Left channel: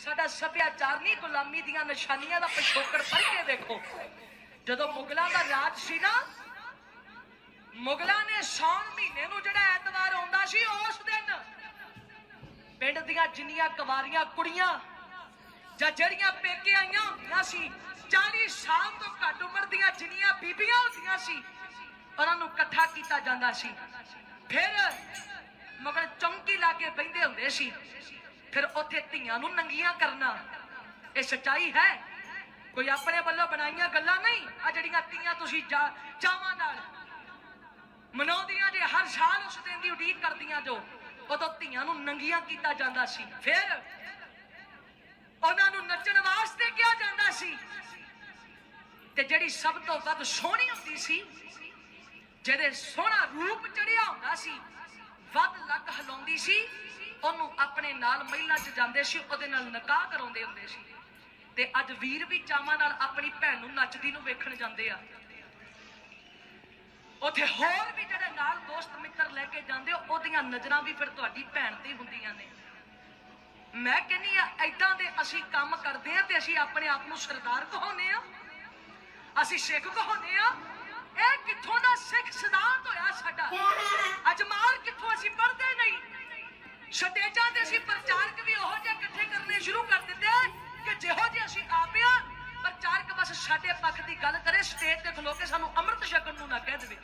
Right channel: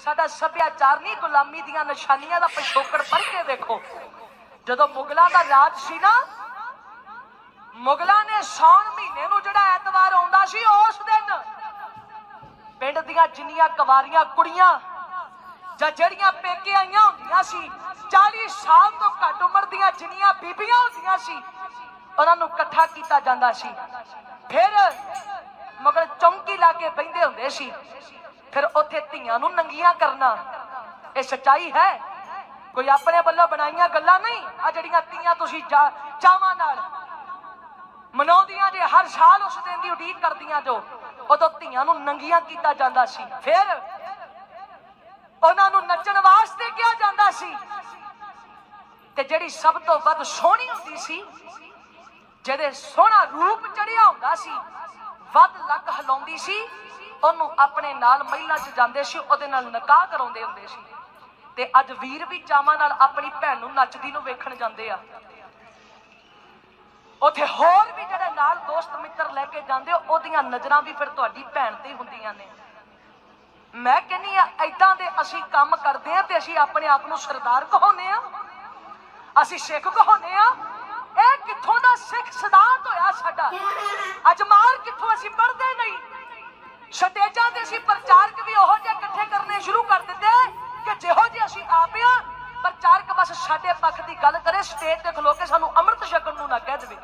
ਸਾਡਾ ਸੱਭਿਆਚਾਰ ਨਹੀਂ, ਗੁਲਾਮੀ ਦੀਆਂ ਨਿਸ਼ਾਨੀਆਂ ਦਾ ਪਿਛੋਕੜ ਪੜ੍ਹ ਕੇ ਦੇਖੋ ਜਦੋਂ ਮੁਗਲਾਂ ਦਾ ਰਾਜ ਸੀ ਨਾ, ਮੁਗਲਾਂ ਨੇ ਸੌਣ ਮਹੀਨੇ ਨੂੰ ਜਿਹੜਾ ਐਤਵਾਰ ਆਉਂਦਾ ਸੀ, ਉਸ ਦਿਨ ਪਿੰਡ ਦੀਆਂ ਜਿੰਨੀਆਂ ਕੁਵਾਰੀਆਂ, ਕੁੜੀਆਂ ਜਾਂ ਜਿਹੜੀਆਂ ਪੇਕੇ ਆਈਆਂ ਹੁੰਦੀਆਂ ਸੀ 40 ਸਾਲ ਤੋਂ ਘੱਟ ਉਮਰ ਦੀਆਂ ਜਿੰਨੀਆਂ ਬੀਬੀਆਂ ਹੁੰਦੀਆਂ ਸੀ, ਉਹਨਾਂ ਨੂੰ ਇਕੱਠਾ ਕੀਤਾ ਜਾਂਦਾ ਸੀ। ਫਿਰ ਮਗਰ ਚੌਂਕੀ ਲਾ ਕੇ ਬੈਠੇ ਹੁੰਦੇ ਸੀ। ਫਿਰ ਉੱਥੇ ਧੀਆਂ ਨੂੰ ਨੰਗੀਆਂ ਕਰਨਾ। ਇਹ ਸੱਚਾਈ ਹੈ? ਕੋਈ ਆਪਣੇ ਵੱਲੋਂ ਬਣਾਈਆਂ ਗੱਲਾਂ ਨਹੀਂ? ਆ ਜਿਹੜੀਆਂ ਧੀਆਂ ਤੁਸੀਂ ਚਾਵਾਂ ਨਾਲ ਮਨਾਉਂਦੀਆਂ ਜੇ ਹਰ ਸਾਲ ਉਸ ਦਿਨ ਦੀ ਉਡੀਕ ਕਰਦੀਆਂ ਜੋ, ਉਦੋਂ ਧੀਆਂ ਨੂੰ ਨੰਗੀਆਂ ਕੀਤਾ ਜਾਂਦਾ ਸੀ। ਫਿਰ ਉਹਨਾਂ ਨੂੰ ਨੱਚਣ ਵਾਸਤੇ ਕਿਹਾ ਜਾਂਦਾ ਸੀ ਤੇ ਜਿਹੜੀ ਸਭ ਤੋਂ ਵੱਧ ਸੋਹਣੀ ਹੁੰਦੀ ਸੀ, ਜਿਹੜੇ ਸੋਹਣਾ ਰੂਪ ਚੜਿਆ ਹੁੰਦਾ ਸੀ, ਵੱਧ ਲੱਕ ਹਲਾਉਂਦੀ ਸੀ ਉਹਨੂੰ ਆਪਣੇ ਨਾਲ ਮਹਿਲਾ 'ਚ ਜਾਂਦੇ ਸੀ, ਉਹਦੇ ਨਾਲ ਨਿਕਾਹ ਕਰਾਉਂਦੇ ਹੁੰਦੇ ਸੀ। ਤੇ ਅੱਜ ਵੀਰ ਵੀ ਚਾਵਾਂ ਨਾਲ ਆਪਣੀ ਭੈਣ ਨੂੰ ਨੱਚਦੀ ਨੂੰ ਵੇਖਣ ਜਾਂਦੇ ਆ। ਉੱਥੇ ਹੋਰ ਵੀ ਜਿਹੜੇ ਨਾਲ ਦੋਸਤ ਮਿੱਤਰ ਲੈ ਕੇ ਜਾਂਦੇ, ਉਹਦੀਆਂ ਨਜ਼ਰਾਂ ਵੀ ਫਿਰ ਤੁਹਾਡੀ ਭੈਣ ਤੇ ਹੁੰਦੀਆਂ ਨੇ। ਮੈਂ ਕਹਿੰਨੀ ਆ ਐਦਾਂ ਦੇ ਅਸੀਂ ਕੰਮ ਕਰਦੇ ਆ ਤੇ ਅਸੀਂ ਆਪਣੇ ਆਪ ਨੂੰ ਸਰਦਾਰ ਕਹਾਉਂਦੇ ਆ ਅਸੀਂ ਸਿੱਖ ਕਹਾਉਂਦੇ ਆ ਇਹ ਕਿੱਥੋਂ ਦਾ ਸਿੱਖ ਸਿਧਾਂਤ ਹੋਇਆ ਸਾਡਾ? ਅਜਮਾਰ ਕਿੱਥੋਂ ਅਸੀਂ ਪੜ੍ਹਦੇ ਨਹੀਂ? ਸਟੇਜਾਂ ਤੇ ਅਸੀਂ ਪ੍ਰਚਾਰਕ ਵੀ ਉਹੋ ਜਿਹੇ ਇਕੱਠੇ ਕਰਨੇ ਸ਼ੁਰੂ ਕਰ ਦਿੱਤੇ ਕਿ ਜਿਹੋ ਜਿਹੇ ਅਸੀਂ ਆਪ ਪ੍ਰਚਾਰਕ ਬਸ ਸਾਡੇ ਪੱਖ ਦੀ ਗੱਲ ਕਰੇ ਸਟੇਜ ਤੇ ਖਲੋ ਕੇ ਸਾਨੂੰ ਅੰਮ੍ਰਿਤ ਛਕਣ ਨੂੰ ਨਾ ਕਹਿ ਦੇਵੇ।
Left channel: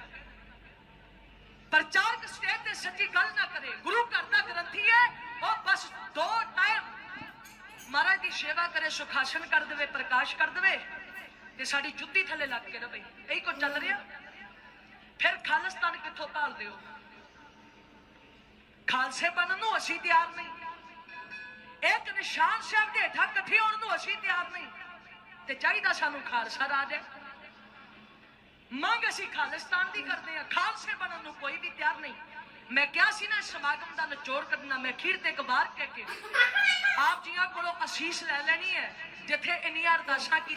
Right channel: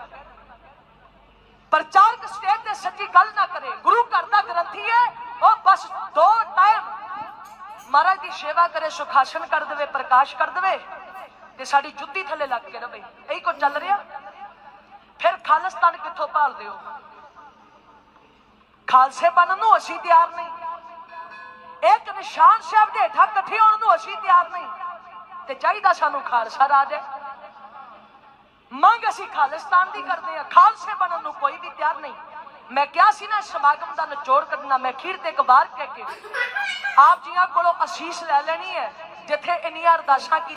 ਪ੍ਰਚਾਰਕ ਸਟੇਜ ਤੇ ਸੱਚੀ ਗੱਲ ਨਾ ਕਰੇ, ਗੁਰੂ ਘਰ ਦਾ ਗ੍ਰੰਥੀ ਹੈ, ਉਹ ਬਸ ਦੋ ਟਾਈਮ ਮਹਾਰਾਜ ਦੀ ਸੇਵਾ ਕਰੇ, ਸੁਖਾਸਨ ਕਰ ਦੇਵੇ, ਪ੍ਰਕਾਸ਼ ਕਰ ਦੇਵੇ, ਤੇ ਸਾਡੀ ਜੁੱਤੀ ਥੱਲੇ ਲੱਗ ਕੇ ਰਵੇ ਇਹੀ ਕੁਝ ਚੱਲ ਰਿਹਾ। ਫਿਰ ਖਾਲਿਸਤਾਨ ਕਿੱਥੋਂ ਭਾਲਦੇ ਹੋ? ਖਾਲਸੇ ਬਣਨ ਨੂੰ ਅਸੀਂ ਤਿਆਰ ਨਹੀਂ। ਇੱਕ ਨਿਸ਼ਾਨ ਸਾਹਿਬ ਦੇ ਹੇਠਾਂ ਇਕੱਠੇ ਹੋਣ ਨੂੰ ਅਸੀਂ ਤਿਆਰ ਨਹੀਂ। ਤੇ ਚਾਹੀਦਾ ਸਾਨੂੰ ਖਾਲਸਾ ਰਾਜ ਹੈ। ਮੰਗ ਅਸੀਂ ਖਾਲਿਸਤਾਨ ਦੀ ਕਰਦੇ ਆ ਖਾਲਸੇ ਬਣਨ ਨੂੰ ਕੋਈ ਵੀ ਤਿਆਰ ਨਹੀਂ। ਮੈਂ ਕਿਹਾ ਸੀ ਨਾ, ਸਮਾਗਮ ਦਾ ਨਿਚੋੜ ਕੱਢਣਾ, ਮੈਂ ਖੀਰ ਤੇ ਕਬਾਰ ਕਹਿ ਕੇ। ਆਪ ਜੀਆਂ ਕੋਲੋਂ ਅਸੀਸ ਲੈ ਲੈਣੀ ਹੈ, ਜਿੱਥੇ ਇੰਨੀਆਂ ਅਰਦਾਸਾਂ ਕੀ